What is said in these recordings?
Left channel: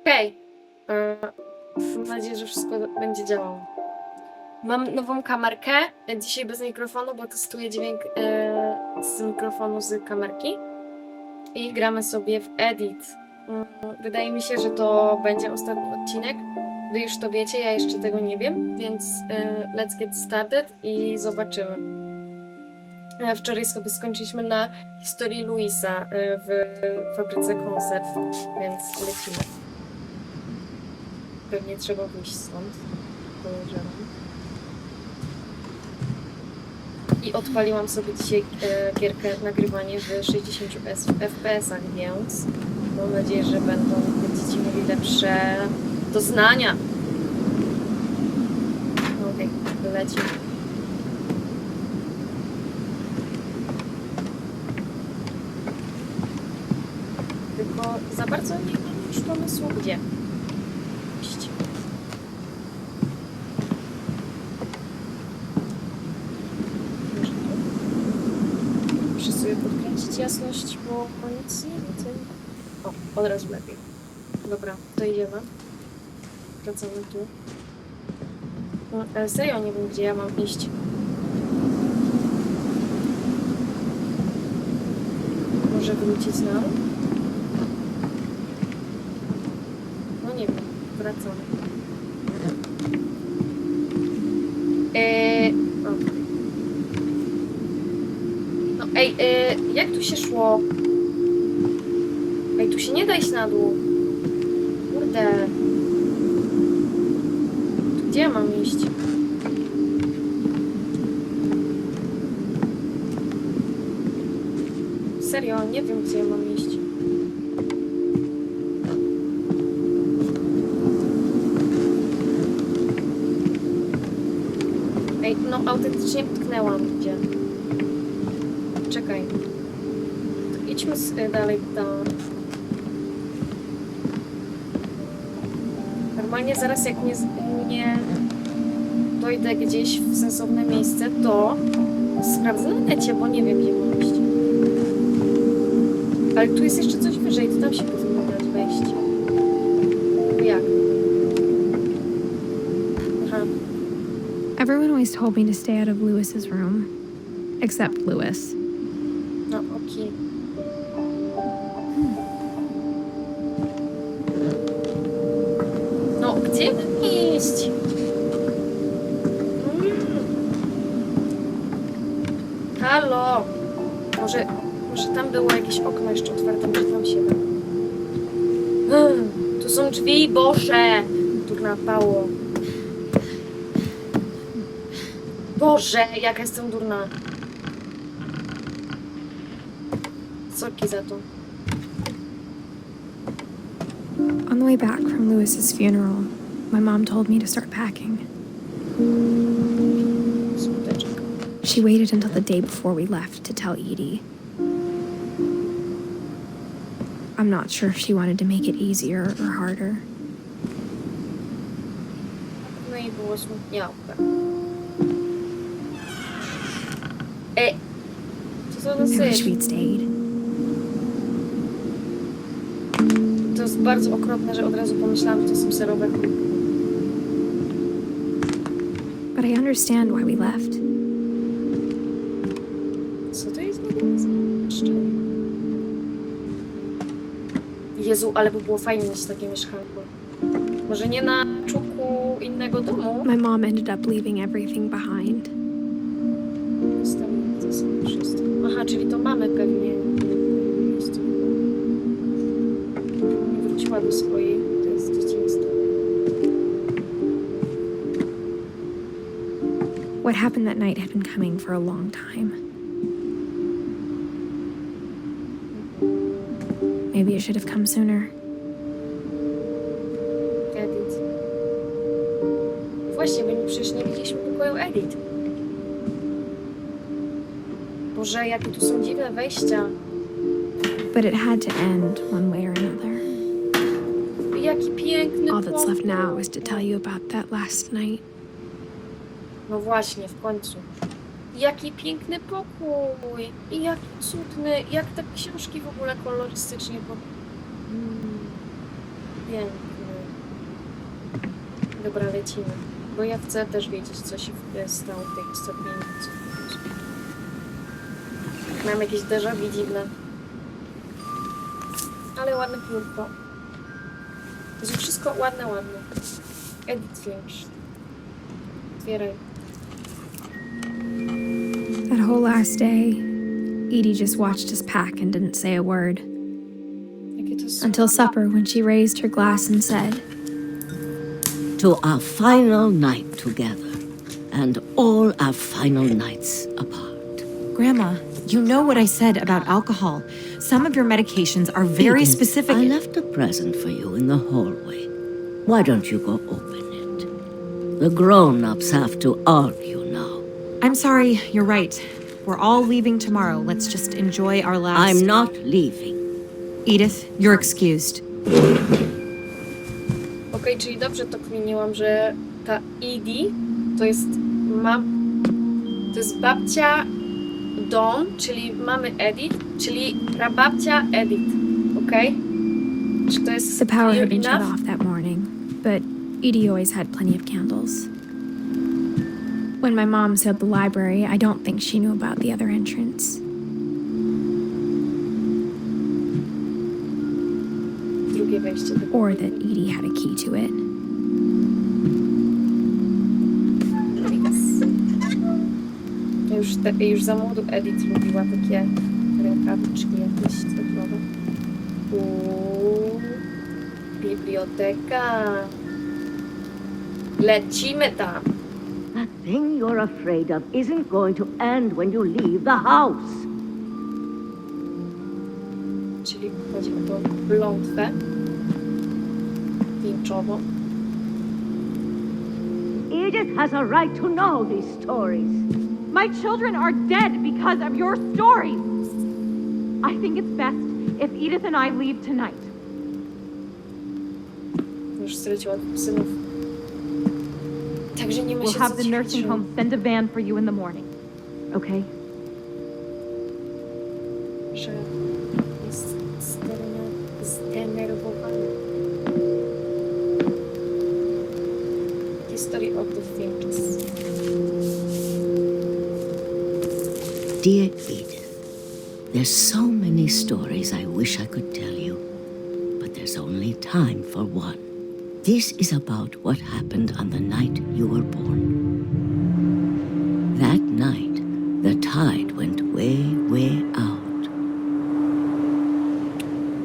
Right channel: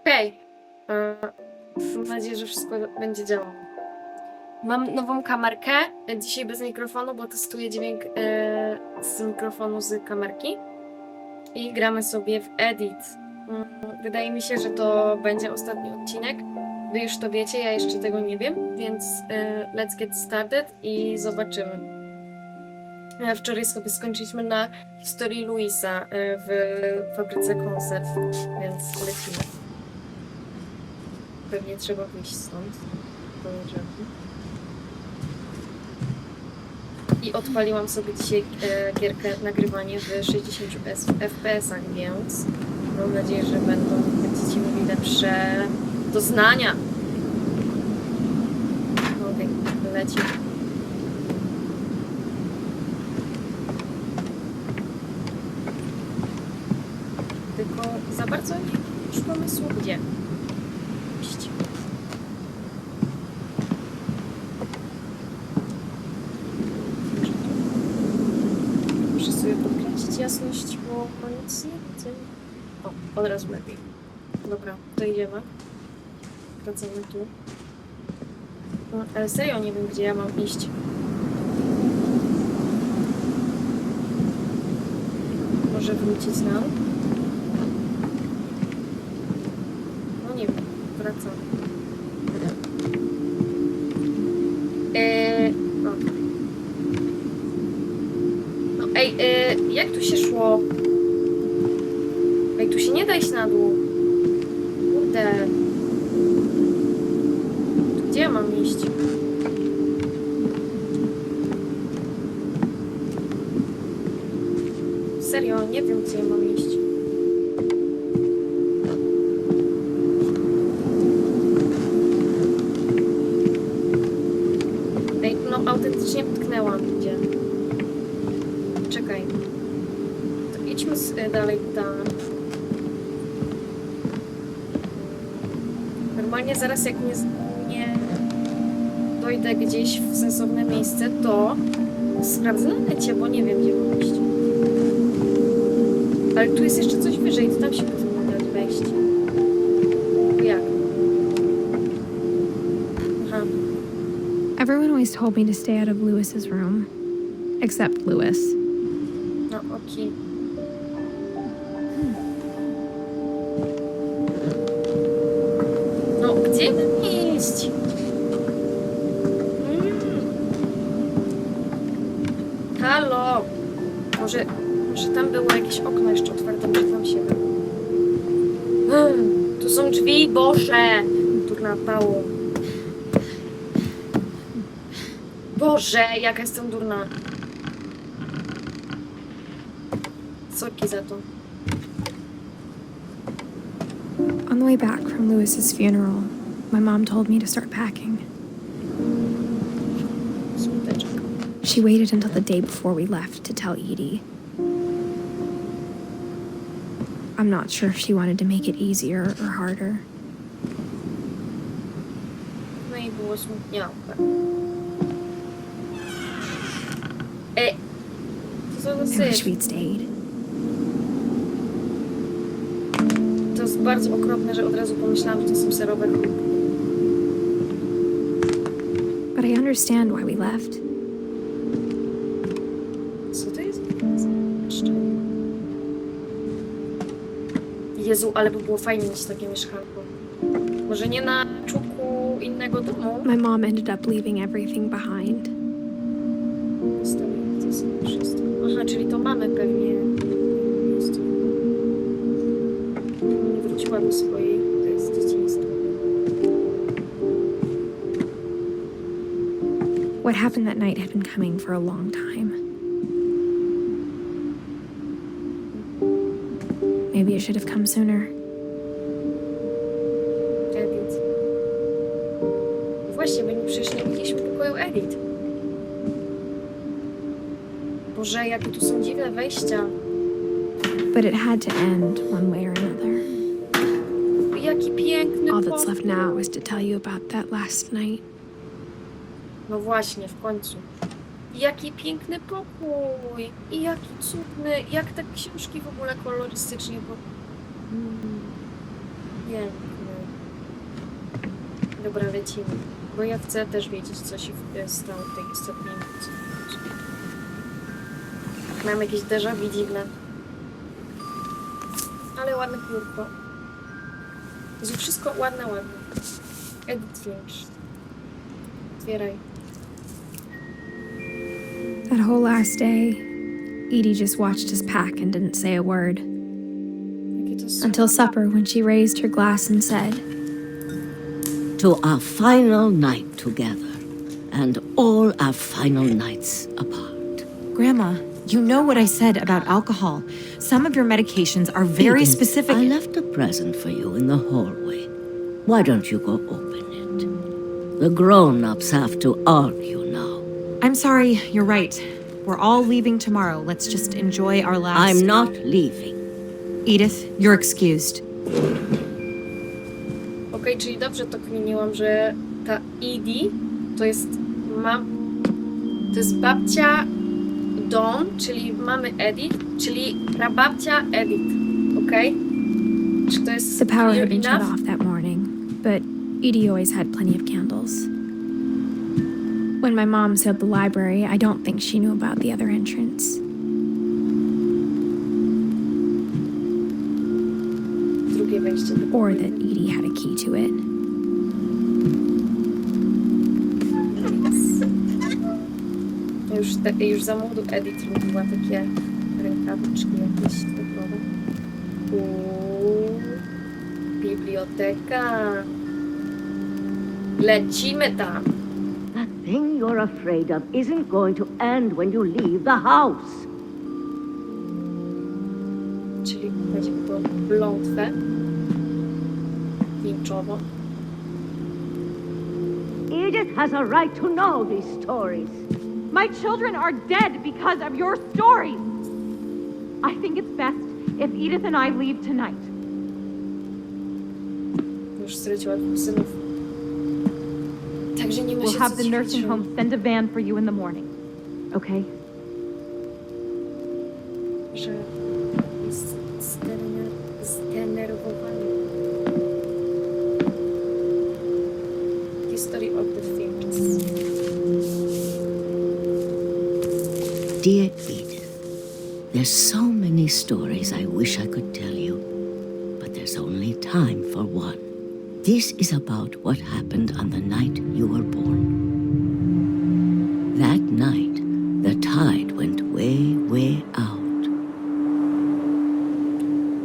Okej. E, Mam nadzieję, że wszystko będzie działało. Mam nową kamerkę. e, Dzisiaj bez mikrofonu, bo testuję dźwięk e, z mikrofonu z kamerki. I gramy sobie w Edit. Mm, Wydaje mi się, że to będzie ostatni odcinek. Wy już to wiecie, ja jeszcze tego nie wiem, więc let's get started i zobaczymy. Wczoraj sobie skończyliśmy na historii Luisa w fabryce konserw, więc lecimy. Pewnie trzeba wyjść stąd. Podejrzewam. I odpaliłam sobie dzisiaj e, gierkę nagrywanie w 60 S- FPS-ach, więc mam nadzieję, że będą będziecie mieli lepsze doznania. Okej, lecimy. Tylko za bardzo nie mam już pomysłu gdzie. iść. Może tu? Muszę sobie podkręcić jasność, bo nic nie widzę. O, od razu lepiej. Dobra, to idziemy. Wracamy tu. No, ale serio nie wiem, gdzie ja mam iść. Może wrócić nam? No nie wiem, wracamy. Eee, o. No ej, e, jak tu się szło? Ej, tu się nie da iść na dół. Kurde. Tu Gdzie ja mam iść? Serio, nie wiem, gdzie ja mam iść. Ej, no autentycznie potknęłam gdzie. Czekaj. To idźmy z, y, dalej tam. Normalnie zaraz jak nie, nie dojdę gdzieś w sensowne miejsce, to sprawdzę na necie, bo nie wiem gdzie mam iść. Ale tu jest jeszcze coś wyżej, to tam się powinno dać wejść. Jak? Aha. Everyone always told me to stay out of Lewis's room. Except Lewis. No, okej. No, gdzie mam iść? Mm. Halo! Może, może tam było jakieś okno jeszcze otwarte, może tam się da. Mm, Tu są drzwi, Boże! Tu napało. Boże, jaka jestem durna. Sorki za to. On the way back from Lewis's funeral, my mom told me to start packing. She waited until the day before we left to tell Edie. I'm not sure if she wanted to make it easier or harder. No i było smutniałe. E! Co to I wish we'd stayed. Jest bardzo okropne, że od razu pomyślałam, że to są serowe. But I understand why we left. Co to jest? Jezu, ale by było fajnie mieć takie mieszkanko. Może nie na czubku innego domu? My mom ended up leaving everything behind. Zostawiam to sobie wszystko. Aha, czyli to mamy pewnie Nie wróciła do swojej, to jest dzieciństwo. What happened that night had been coming for a long time. Maybe it should have come sooner. Edit. Właśnie, bo nie- przecież nie widzieliśmy pokoju Edit. Boże, jakie tu są dziwne wejścia. But it had to end one way or another. Jaki piękny All that's left now is to tell you about that last night. No właśnie, w końcu. Jaki piękny pokój! I jaki cudny, jak te książki w ogóle kolorystycznie, bo... Mm. piękny. Dobra, lecimy. Bo ja chcę też wiedzieć, co się w- stało w tej ostatniej nocy. Mam jakieś déjà vu dziwne. Ale ładne piórko. To jest wszystko ładne, ładne. Edit Finch. Otwieraj. That whole last day, Edie just watched us pack and didn't say a word. Jakie to jest Until supper, when she raised her glass and said, to our final night together and all our final nights apart. Grandma, you know what I said about alcohol. Some of your medications are very Edith, specific. I left a present for you in the hallway. Why don't you go open it? The grown ups have to argue now. I'm sorry, you're right. We're all leaving tomorrow. Let's just enjoy our last. I'm not leaving. Edith, you're excused. Okej, czyli dobrze to kminiłam, że ta Edie to jest mam... To jest babcia Dawn, czyli mamy Edith, czyli prababcia Edith. Okej? Czy to jest The power had been shut enough? off that morning, but Edie always had plenty of candles. When my mom said the library, I don't think she knew about the other entrance. Drugie wejście do or that Edie had a key to it. Już, te, już za młodu Edith lubiła takie rękawiczki jakieś cyfrowe. Uuu, biblioteka. Lecimy tam. That thing you're afraid of isn't going to end when you leave the house. Czyli chodzi o tą blątwę winczową. Edith has a right to know these stories. My children are dead because of your stories. I think it's best if Edith and I leave tonight. Już straciła synów. Także nie ma We'll się have co the nursing home send a van for you in the morning. Okay? że jest zdener- zdenerwowany. History of the Finches. Dear Edith, there's so many stories I wish I could tell you, but there's only time for one. This is about what happened on the night you were born. That night, the tide went way, way out.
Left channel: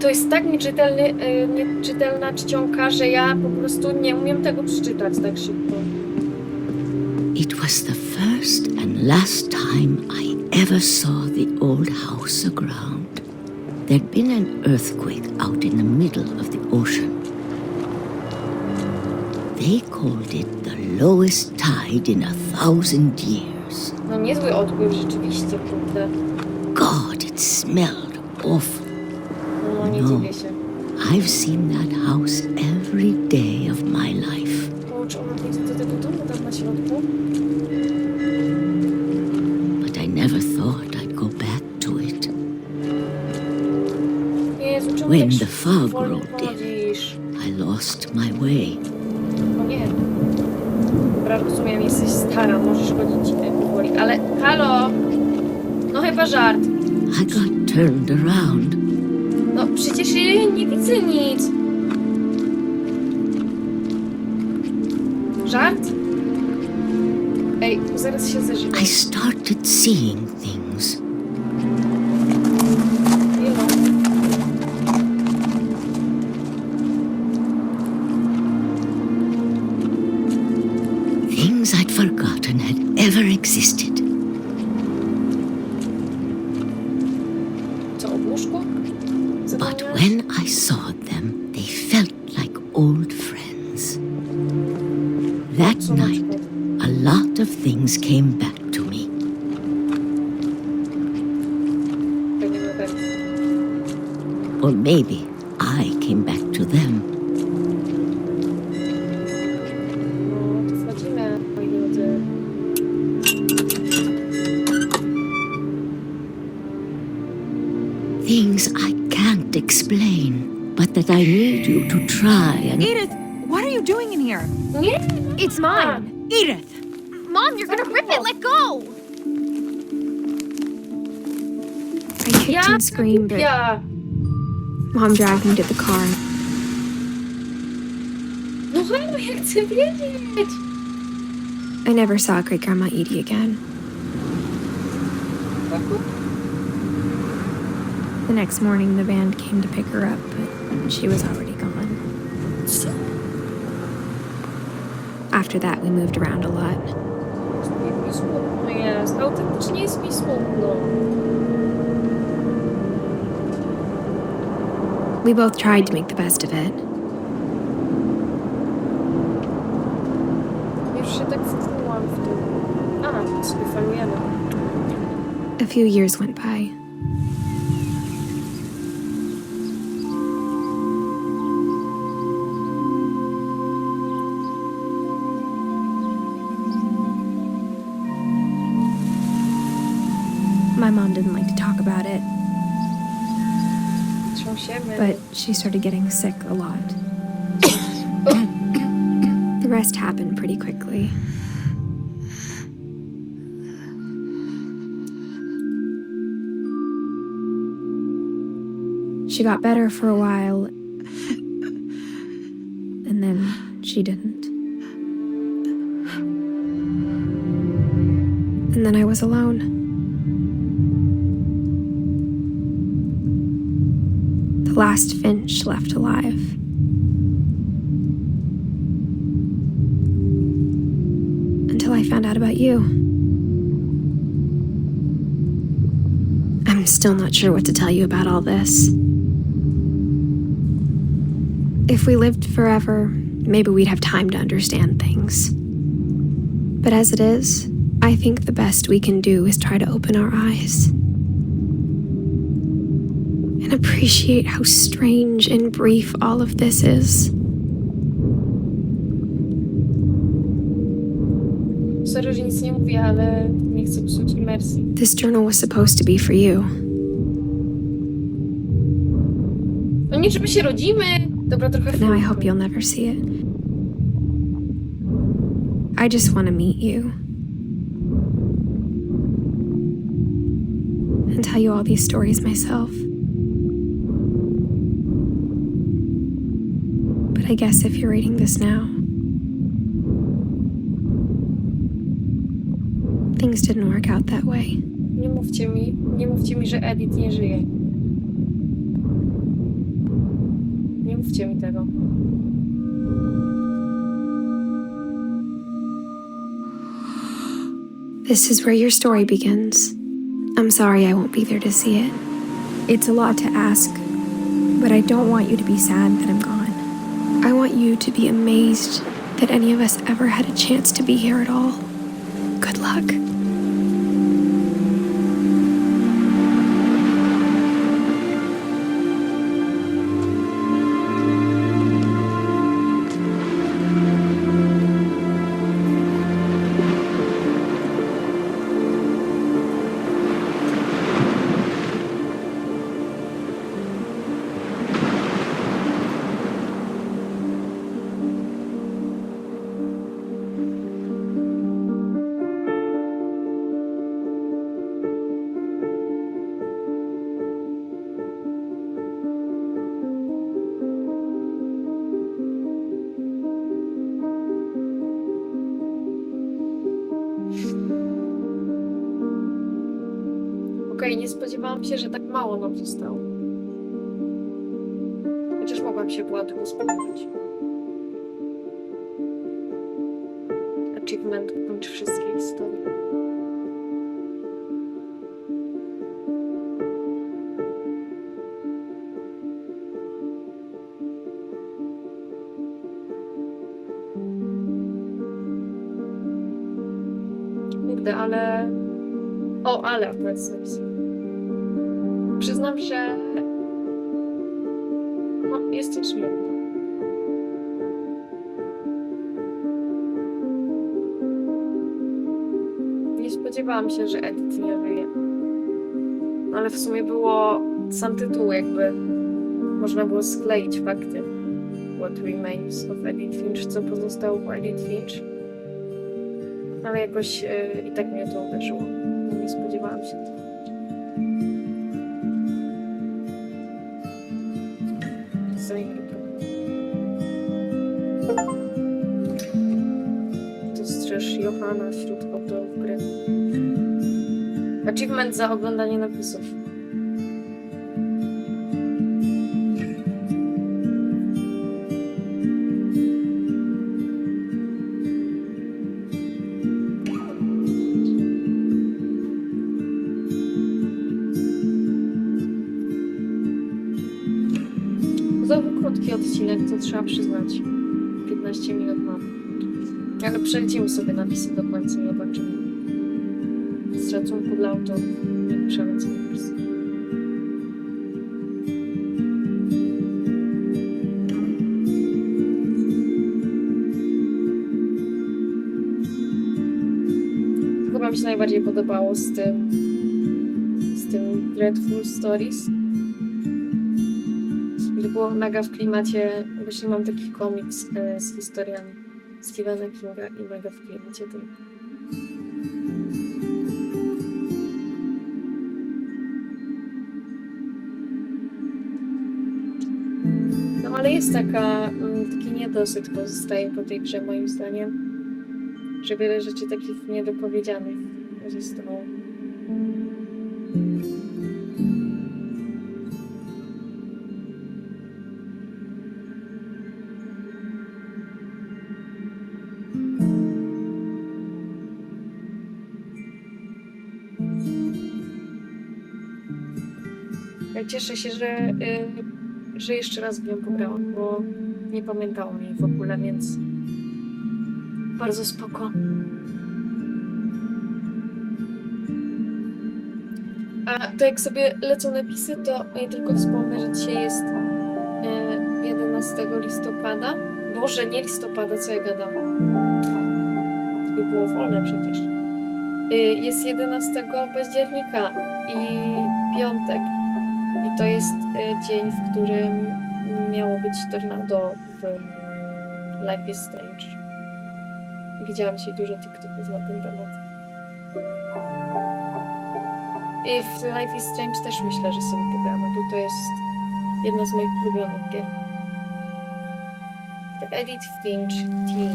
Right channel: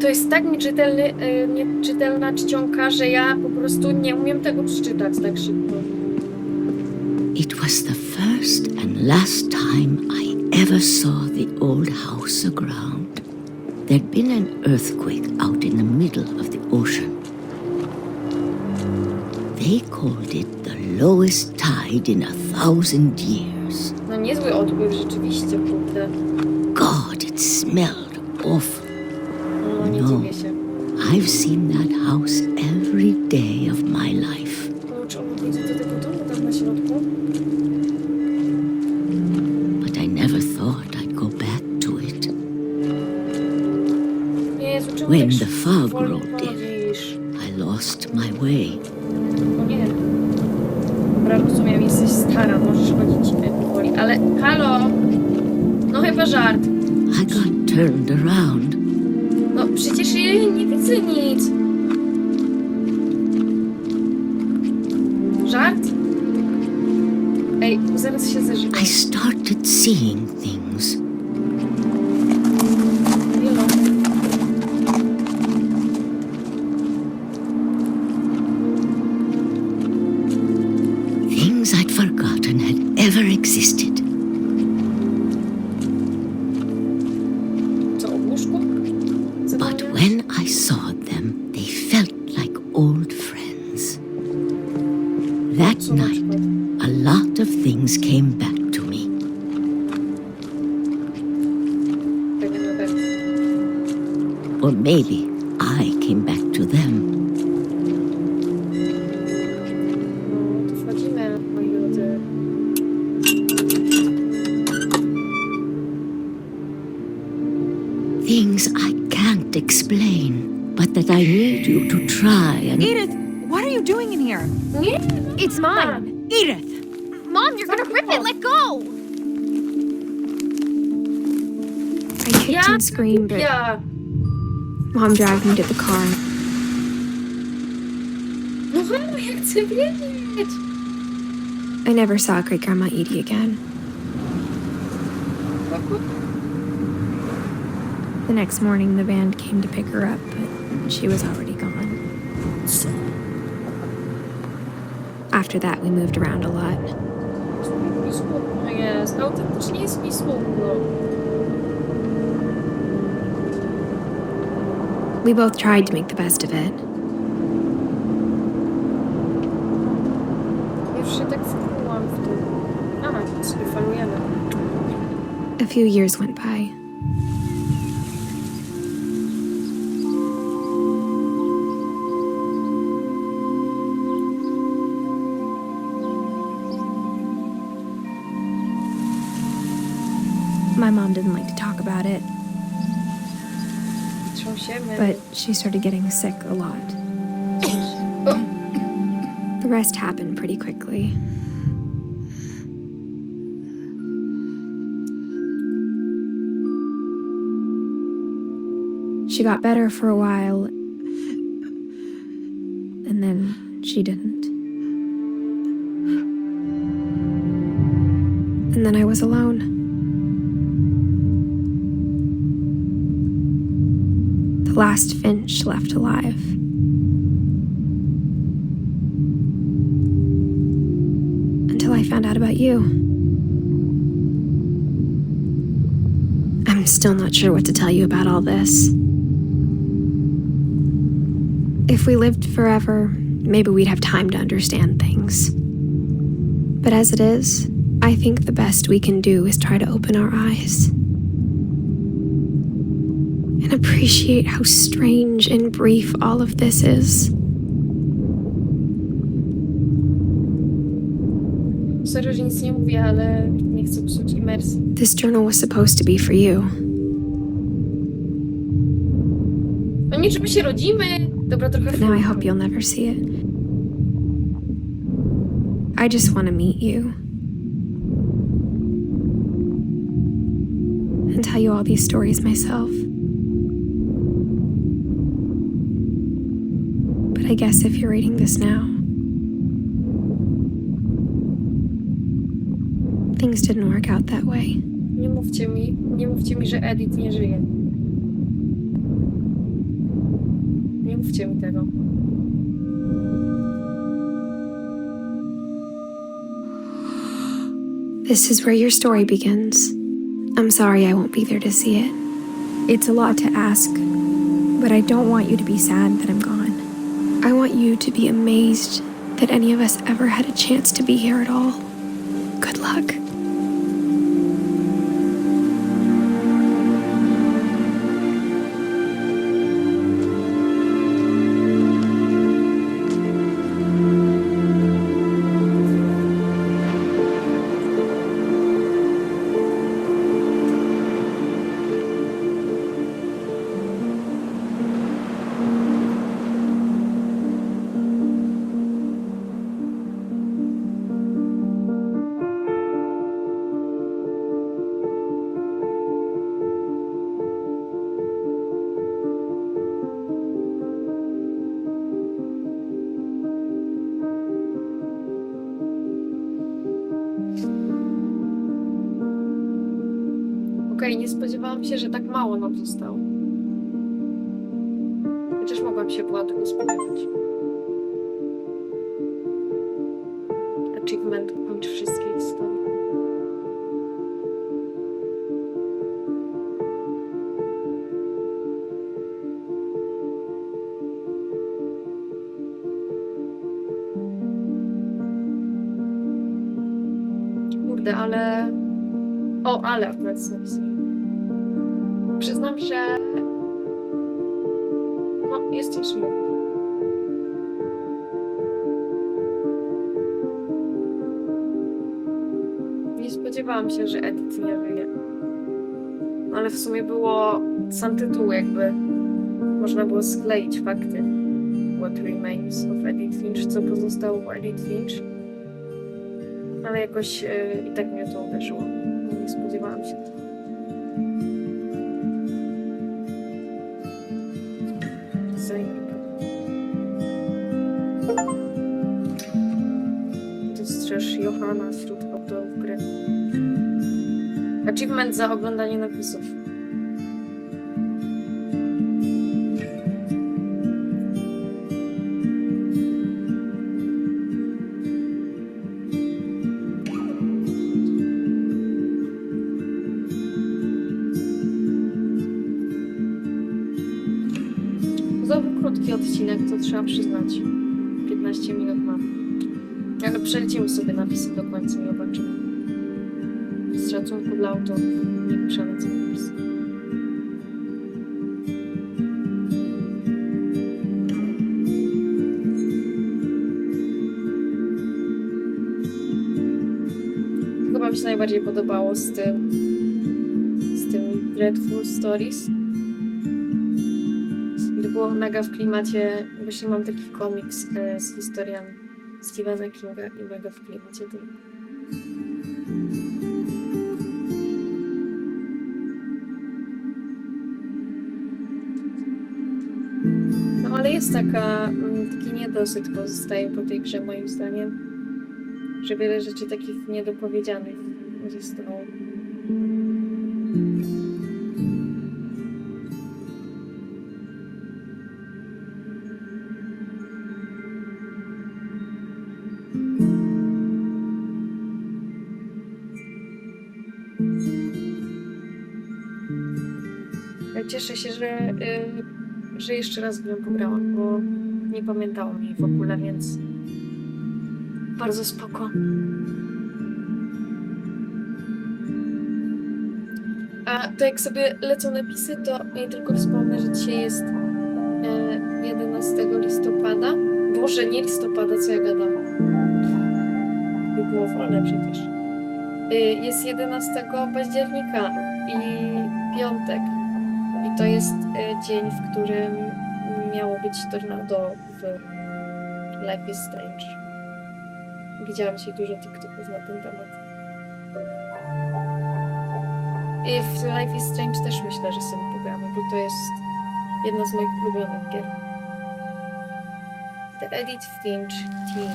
To jest tak nieczytelny, y, nieczytelna czcionka, że ja po prostu nie umiem tego przeczytać tak szybko. It was the first and last time I ever saw the old house aground. There'd been an earthquake out in the middle of the ocean. They called it the lowest tide in a thousand years. No niezły odpływ rzeczywiście, kurde. God, it smelled awful. No nie No. dziwię się. I've seen that house every day of my life. O, ona wejdzie do tego domu tam na środku? I never thought I'd go back to it. Jezu, czemu When tak the fog wolno rolled in. chodzisz? I lost my way. O nie. Dobra, rozumiem, jesteś stara, możesz chodzić e, powoli, ale halo! No chyba żart. I got turned around. No przecież ja nie widzę nic. Żart? I started seeing things. Things came back to me. Pewnie na pewno. Or maybe I came back to them. No, wchodzimy, moi drodzy. Things I can't explain. but that I need you to try and. Edith, what are you doing in here? It's mine. Edith! Mom, you're gonna rip it. Let go. I kicked Ja, and screamed, but ja. mom dragged me to the car. No halo, ja chcę wiedzieć. I never saw great grandma Edie again. The next morning, the band came to pick her up, but she was already gone. Co? After that, we moved around a lot. Autentycznie jest mi smutno. We both tried to make the best of it. Już się tak wkłułam w tym. A, sobie falujemy. A few years went by. My mom didn't like to talk about it, but she started getting sick a lot. the rest happened pretty quickly. She got better for a while, and then she didn't. And then I was alone. The last Finch left alive. Until I found out about you. I'm still not sure what to tell you about all this. If we lived forever, maybe we'd have time to understand things. But as it is, I think the best we can do is try to open our eyes and appreciate how strange and brief all of this is. Sorry, że nic nie mówię, ale nie chcę psuć imersji. This journal was supposed to be for you. No nie, że my się rodzimy. Dobra, trochę But now I hope you'll never see it. I just want to meet you. And tell you all these stories myself. I guess if you're reading this now, things didn't work out that way. Nie mówcie mi, nie mówcie mi, że Edith nie żyje. Nie mówcie mi tego. This is where your story begins. I'm sorry I won't be there to see it. It's a lot to ask, but I don't want you to be sad that I'm gone. I want you to be amazed that any of us ever had a chance to be here at all. Good luck. Nie spodziewałam się, że tak mało nam zostało. Chociaż mogłam się była tego spodziewać. Achievement kończy wszystkie historie. Kurde, ale o, ale akurat napisane. Przyznam, że. No, jestem smutna. Nie spodziewałam się, że Edith nie żyje. No, ale w sumie było sam tytuł, jakby można było skleić fakty. What remains of Edith Finch, co pozostało po Edith Finch. Ale jakoś e, i tak mnie to uderzyło. Nie spodziewałam się tego. Johana wśród autorów gry. Achievement za oglądanie napisów. Znowu krótki odcinek, to trzeba przyznać. 15 minut mam. Ale przelecimy sobie napisy do końca i zobaczymy. Z szacunku dla autorów nie przelecę napisy. Chyba mi się najbardziej podobało z tym z tym Dreadful Stories. To było mega w klimacie, właśnie mam taki komiks e, z historiami Stephena Kinga i mega w klimacie tym. No ale jest taka, mm, taki niedosyt pozostaje po tej grze moim zdaniem, że wiele rzeczy takich niedopowiedzianych zostało. Cieszę się, że, y, że jeszcze raz w nią pograłam, bo nie pamiętałam jej w ogóle, więc bardzo spoko. A to jak sobie lecą napisy, to ja tylko wspomnę, że dzisiaj jest y, 11 listopada. Boże, nie listopada, co ja gadam. By było wolne przecież. Y, Jest 11 października i piątek. To jest e, dzień, w którym miało być tornado w Life is Strange. Widziałam dzisiaj dużo TikToków na ten temat. I w Life is Strange też myślę, że sobie pogramy, bo to jest jedna z moich ulubionych gier. The Edith Finch Team.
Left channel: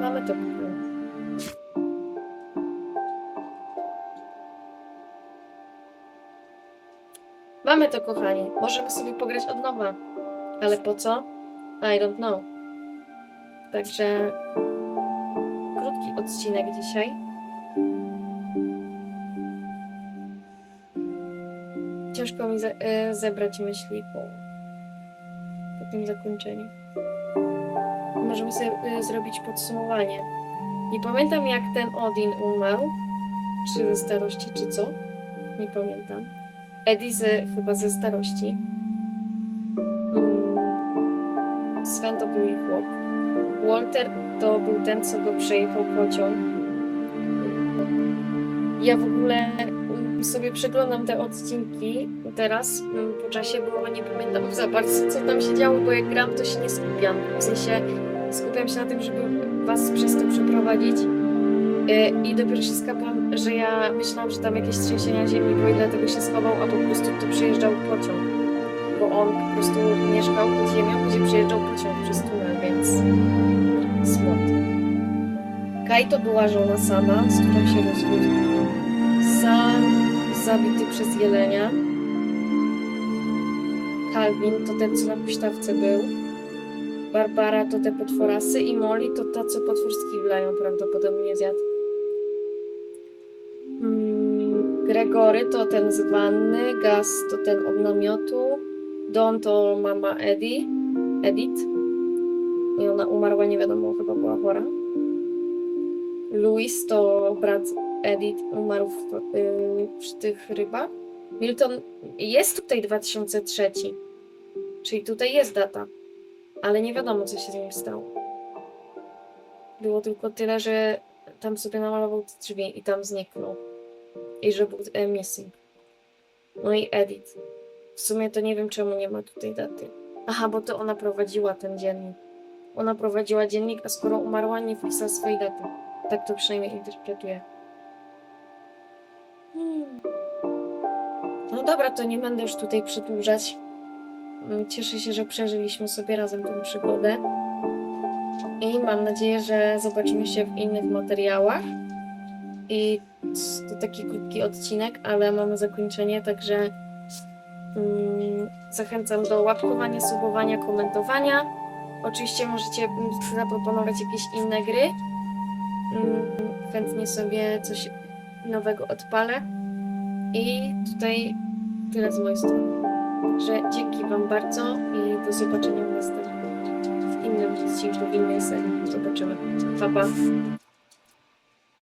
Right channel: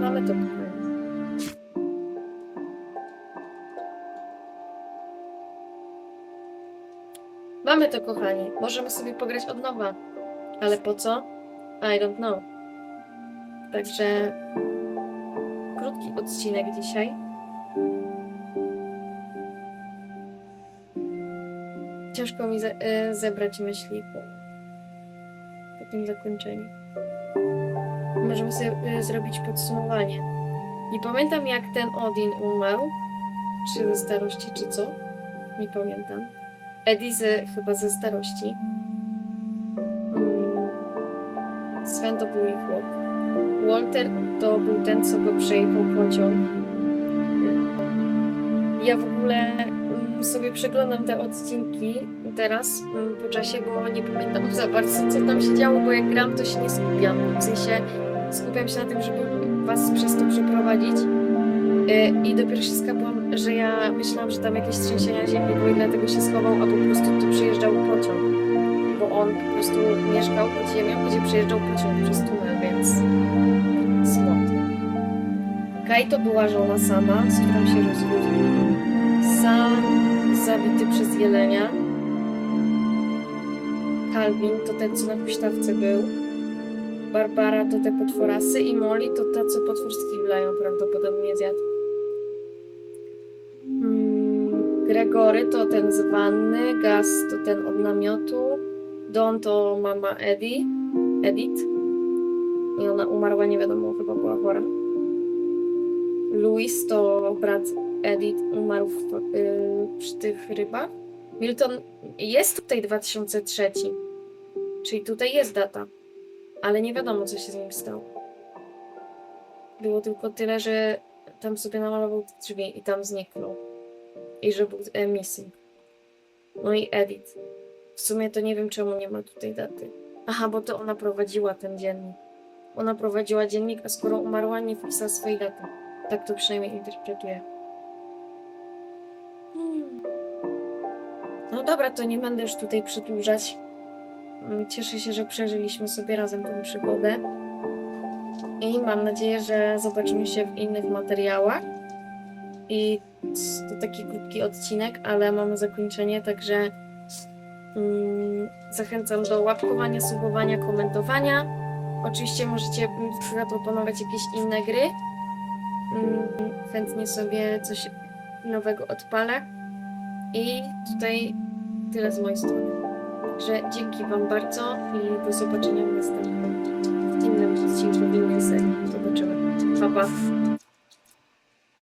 Mamy to Mamy to kochani. Możemy sobie pograć od nowa. Ale po co? I don't know. Także krótki odcinek dzisiaj. Ciężko mi ze- e, zebrać myśli po, po tym zakończeniu możemy sobie y, zrobić podsumowanie. Nie pamiętam jak ten Odin umarł, czy ze starości, czy co. Nie pamiętam. Ze, chyba ze starości. Mm. Sven to był jej chłop. Walter to był ten, co go przejechał pociąg. Ja w ogóle mm, sobie przeglądam te odcinki teraz mm, po czasie, bo nie pamiętam za bardzo, co tam się działo, bo jak gram, to się nie skupiam. W sensie skupiam się na tym, żeby was przez to przeprowadzić. Yy, I dopiero się skapłam, że ja myślałam, że tam jakieś trzęsienia ziemi były i dlatego się schował, a po prostu tu przyjeżdżał pociąg. Bo on po prostu mieszkał pod ziemią, gdzie przyjeżdżał pociąg przez tunel, więc smut. Kai to była żona sama, z którą się rozwiódł. Sam zabity przez jelenia. Calvin to ten, co na huśtawce był. Barbara to te potworasy i Molly to ta, co potwór z kibla ją prawdopodobnie zjadł. Gregory to ten z wanny, Gas to ten od namiotu, Don to mama Eddie, Edith. I ona umarła, nie wiadomo, chyba była chora. Louis to brat Edith, umarł w, y, przy tych rybach. Milton jest tutaj 2003, czyli tutaj jest data ale nie wiadomo, co się z nim stało. Było tylko tyle, że tam sobie namalował te drzwi i tam zniknął. I że był e, missing. No i Edith. W sumie to nie wiem, czemu nie ma tutaj daty. Aha, bo to ona prowadziła ten dziennik. Ona prowadziła dziennik, a skoro umarła, nie wpisała swojej daty. Tak to przynajmniej interpretuję. Hmm. No dobra, to nie będę już tutaj przedłużać. Mm, Cieszę się, że przeżyliśmy sobie razem tę przygodę. I mam nadzieję, że zobaczymy się w innych materiałach. I to taki krótki odcinek, ale mamy zakończenie, także mm, zachęcam do łapkowania, subowania, komentowania. Oczywiście możecie zaproponować jakieś inne gry. Mm, chętnie sobie coś nowego odpalę. I tutaj tyle z mojej strony. Także dzięki Wam bardzo i do zobaczenia w następnym, w innym odcinku, w innej serii. Zobaczymy. Pa, pa.